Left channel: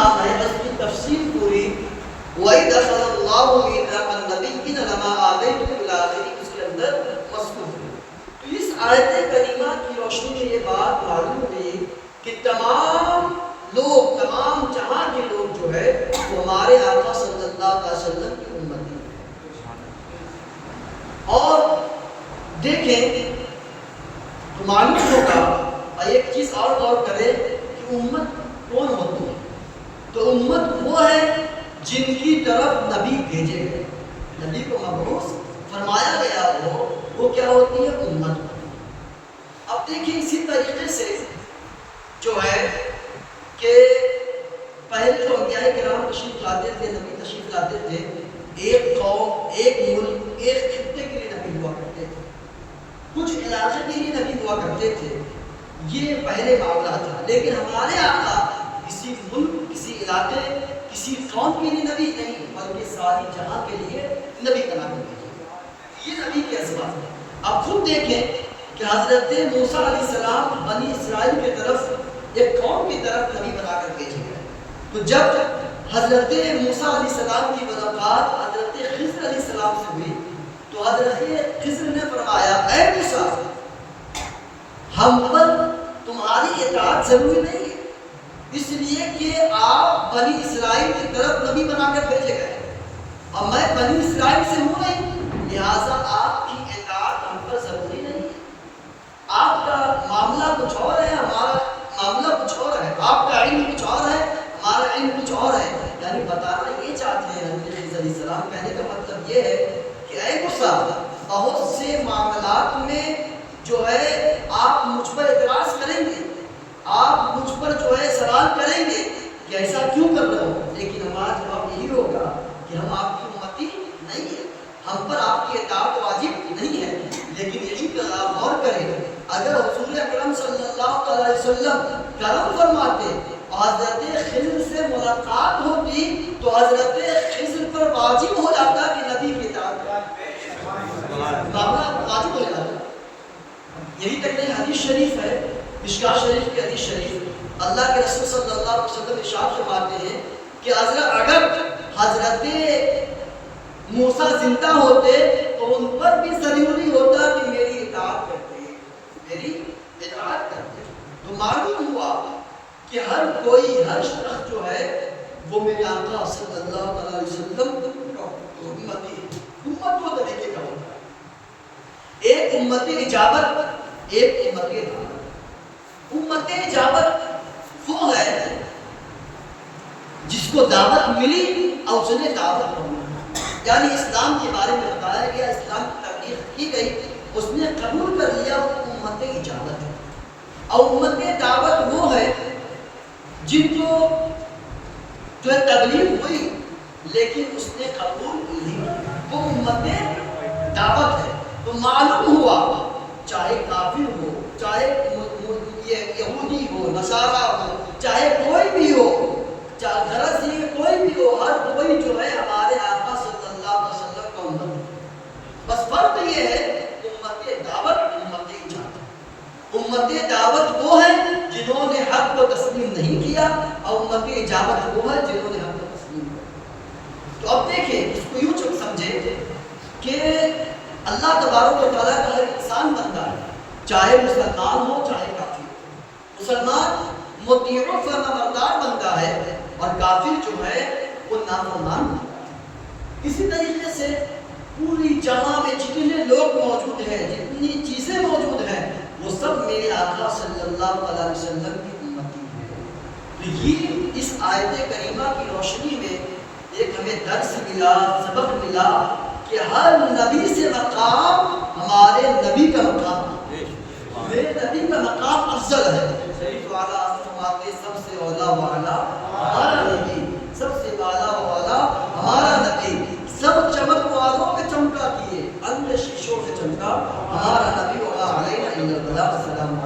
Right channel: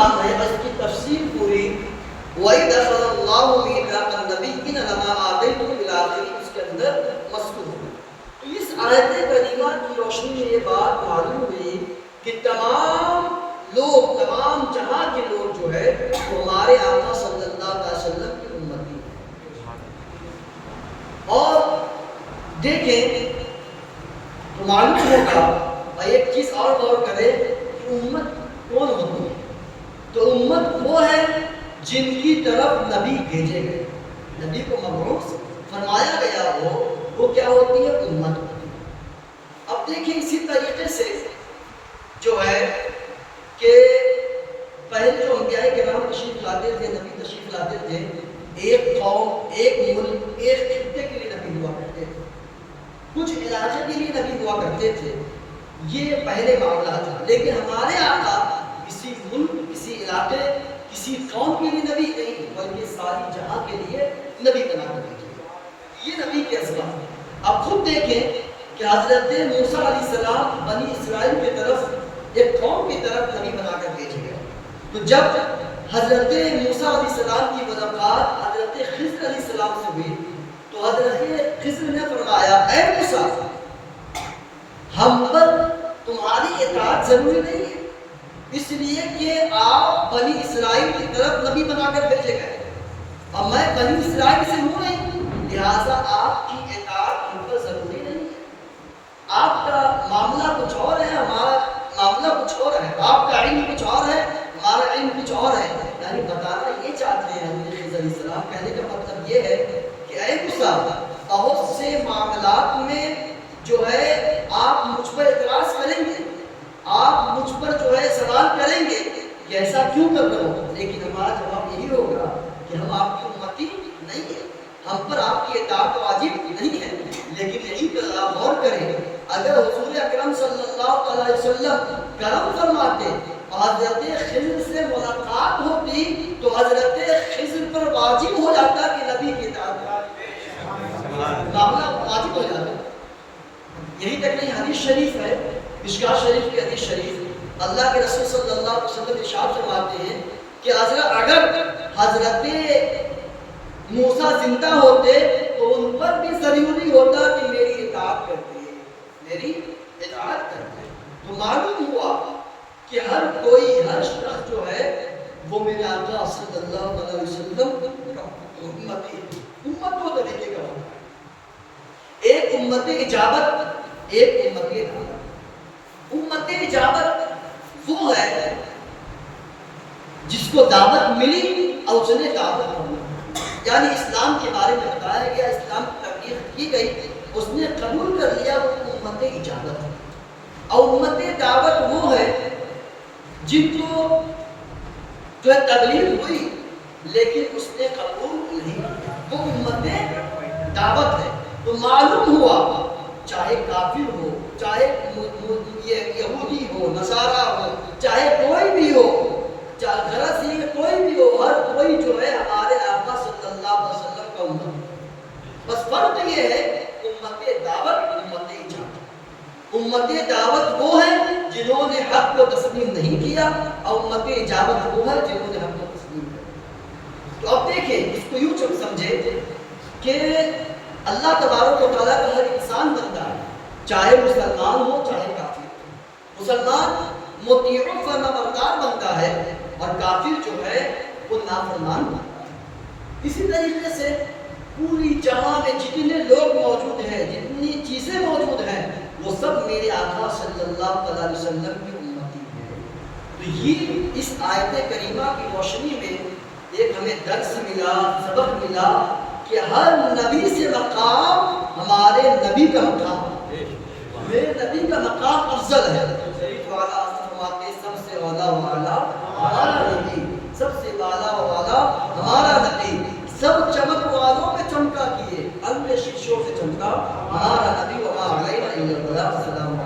نام ہے، اس کی تفصیل پوری وَإِذْ أَخَذَ اللَّهُ مِيثَاقَ النَّبِيِّينَ لَمَا آتَيْتُكُم إِلَى آخِرِ، اس کے اندر مذکور ہے۔ تو اس آیت کریمہ کی روشنی میں یہ بات معلوم ہوئی کہ تمام لوگ، تمام جہاں کے لوگ جو ہے وہ ہمارے آقا صلی اللہ علیہ وسلم کی امتی ہیں۔ اور دیکھیں تو معلوم ہوگا، ایک چیز اور غور کریں کہ امت کون ہوتی ہے؟ تو امت وہ ہے جن کی طرف نبی بھیجے گئے، نبی کو مبعوث فرمایا گیا ہو، وہ کیا ہوتی ہے؟ امت ہوتی ہے۔ اب دیکھیں اسی طریقے سے جو ہے کہ پہلے جو انبیاء کرام تشریف لاتے تھے، نبی تشریف لاتے تھے، ایک قوم، ایک ملک، ایک خطے کے لیے نبی ہوا کرتے تھے، کچھ علاقے کے لیے نبی ہوا کرتے تھے، یہ پہلے معاملہ تھا۔ لیکن ہمارے آقا کسی ملک، کسی علاقے، کسی قوم کے لیے نبی نہیں، بلکہ ساری جہاں کے لیے نبی بنا کر بھیجے۔ یہ نبی کے عظمت ہے۔ اب خود دیکھیں کہ حضرت موسیٰ علیہ السلام بنی اسرائیل کی طرف، ایک قوم کی طرف نبی بنا کر بھیجے گئے۔ تو جب حضرت موسیٰ علیہ السلام کی ملاقات حضرت خضر علیہ السلام سے ہوئی تو حضرت خضر نے فرمایا، اے موسیٰ، ہم پر تمہاری اطاعت ضروری نہیں ہے، اس لیے کہ آپ بنی اسرائیل کی طرف نبی بنا کر بھیجے گئے، اور میں بنی اسرائیل سے ہوں نہیں، لہٰذا آپ کی اطاعت ہم پر ضروری نہیں ہے۔ آپ کا معاملہ کچھ اور ہے، ہمارا معاملہ کچھ اور ہے، آپ کا علم کچھ اور ہے، ہمارا علم کچھ اور ہے۔ یعنی بتانا یہ چاہتے ہیں حضرت خضر علیہ السلام، کہنے کا مطلب یہ ہے کہ اے موسیٰ، بہت سے معاملات میں جو ہے آپ مجھ پر اعتراض کریں گے، آپ مجھ پر جو ہے سوال کریں گے کہ ایسا کیوں کر رہے ہو، لیکن ہمارا جواب یہی ہوگا کہ ہم آپ کی امتی نہیں ہیں، ہم پر آپ کی اطاعت واجب نہیں ہے۔ لیکن یہی غور کریں، اگر حضور اکرم صلی اللہ علیہ وسلم کرم فرماتے اور حضرت خضر سے ملاقات ہوتی تو حضرت خضر پر واجب ہو جاتا کہ نبی کی اطاعت، معاملہ واجب ہو جاتا۔ یہی تک نہیں، حدیث شریف ہے، مشکوٰۃ شریف کی حدیث شریف، اللہ کے رسول صلی اللہ علیہ وسلم ارشاد فرماتے ہیں کہ اگر حضرت موسیٰ زندہ ہوتے تو ان پر بھی ضروری ہوتا کہ میری اطاعت کرتے، میری اطاعت کرتے۔ تو معلوم ہوا کہ ہر کوئی، ہر شخص جو ہے وہ میرے آقا صلی اللہ علیہ وسلم کا امتی ہے۔ امت دو طریقے کا ہوتا ہے، ایک امت اجابت، ایک امت دعوت۔ امت اجابت وہ ہے جس کو دعوت ملی اور اس نے دعوت پڑھی، یعنی اسلام کے بارے میں بتایا گیا، اسلام کی تبلیغ کی گئی، اس نے قبول کر لیا، وہ امت اجابت ہے۔ اور امت دعوت وہ ہے جن کو جو ہے تبلیغ ہوئی لیکن اس نے قبول نہیں کیا، وہ امت دعوت ہے۔ تو معلوم ہوا چاہے کافر ہو، چاہے یہودی ہو، نصارہ ہو، چاہے کوئی بھی ہو، چاہے غرض یہ کوئی بھی ہو، ہر کوئی جو ہے ہمارے آقا صلی اللہ علیہ وسلم کا امت ہے۔ بس فرق یہ ہے امت دعوت، امت اجابت۔ امت دعوت وہ ہے جنہوں نے حق کو تسلیم نہیں کیا، اور امت اجابت وہ ہے جنہوں نے حق کو تسلیم کیا۔ تو اب دیکھیں، اس کو یوں سمجھے کہ اللہ تبارک و تعالیٰ کا ہر انسان بندہ ہے، چاہے مسلمان ہو چاہے کافر ہو۔ مسلمان مطیع و فرمانبردار بندہ ہے، اور کافر جو ہے وہ نافرمان بندہ ہے۔ اسی طریقے سے پوری جہاں میں جتنے لوگ موجود ہیں، جتنی چیزیں موجود ہیں، وہ سب میرے آقا صلی اللہ علیہ وسلم کی امتی ہیں۔ تو یہ اس آیت کریمہ کی روشنی میں ایک ہمیں درس ملا، سبق ملا کہ ہر نبی سے مقام ہمارے نبی کا مقام ہے، میرے نبی کا مقام افضل ہے۔ شریف والا فرماتے سب سے اولا والا ہمارا نبی، سب سے والا والا ہمارا نبی، سب چمک والوں میں چمکا کیے، انگ شیشوں سے چمکا ہمارا نبی، وما علینا الا البلاغ۔ السلام